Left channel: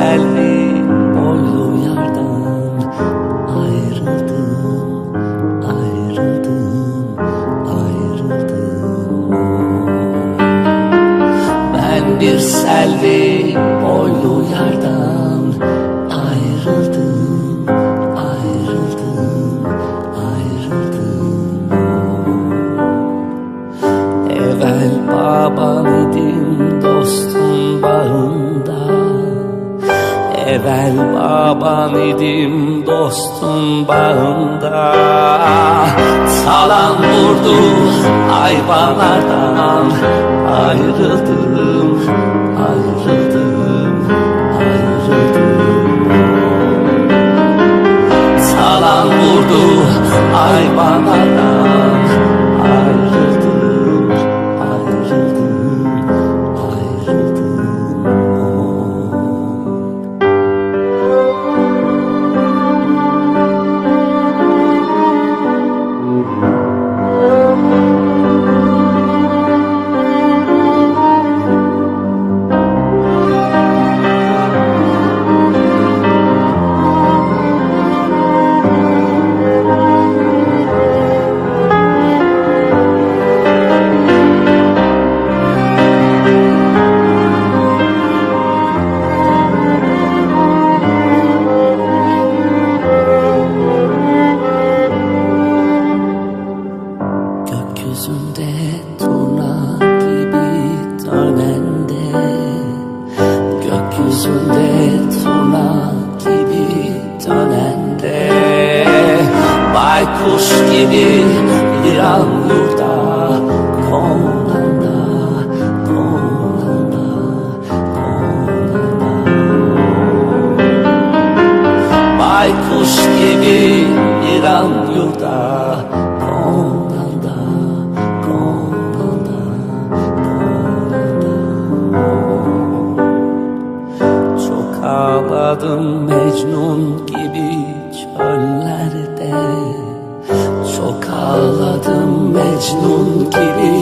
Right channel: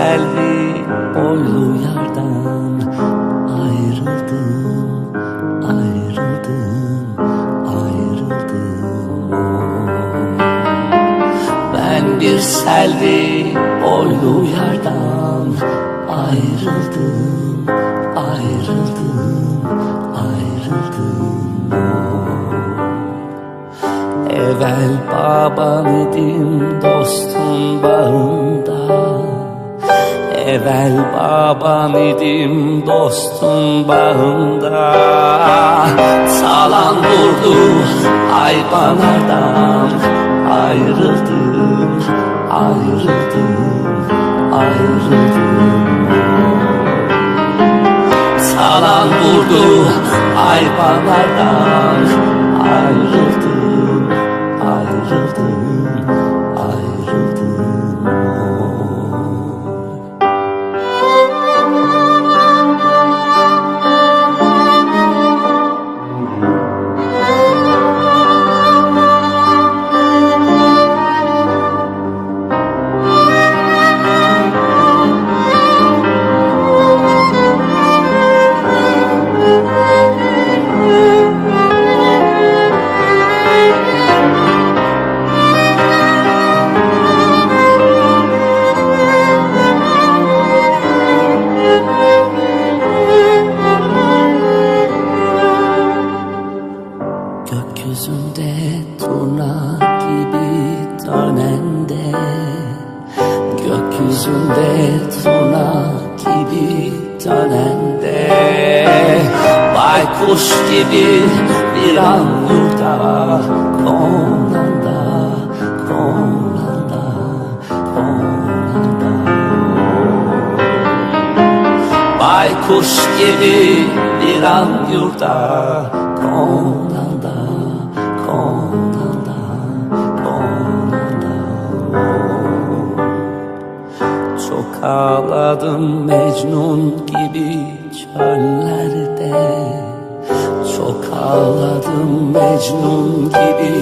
selvi boylu yardan ayrıldım, ayrıldım, ayrıldım. Ben bir selvi boylu yardan ayrıldım, ayrıldım, ayrıldım. Evvel baban idim dostun bağında, evvel baban idim dostun bağında. Salan vurdu hayvanlardan ayrıldım, ayrıldım, ayrıldım. Salan vurdu hayvanlardan ayrıldım, ayrıldım, ayrıldım. Gökyüzünde turna gibi dönende, gökyüzünde turna gibi dönende, baykuş gibi bir an yurda konanda, konanda, konanda. Baykuş gibi bir an yurda konanda, konanda, konanda. Çok ağladım Mecnun gibi çöllerde, çok ağladım Mecnun gibi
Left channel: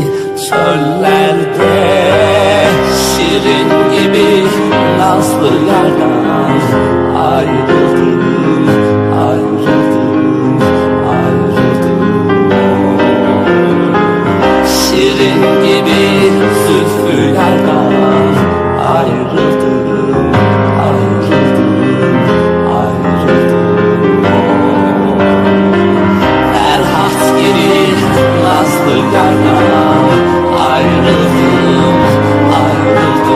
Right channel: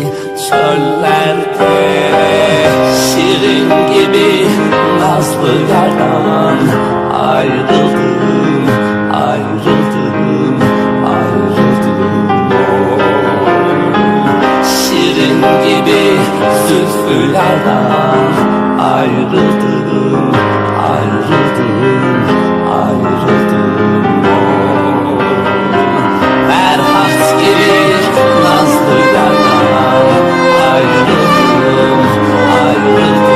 çöllerde. Şirin gibi nazlı yardan ayrıldım, ayrıldım, ayrıldım. Şirin gibi zülfü yardan ayrıldım, ayrıldım, ayrıldım. Ferhat gibi nazlı yardan ayrıldım, ayrıldım.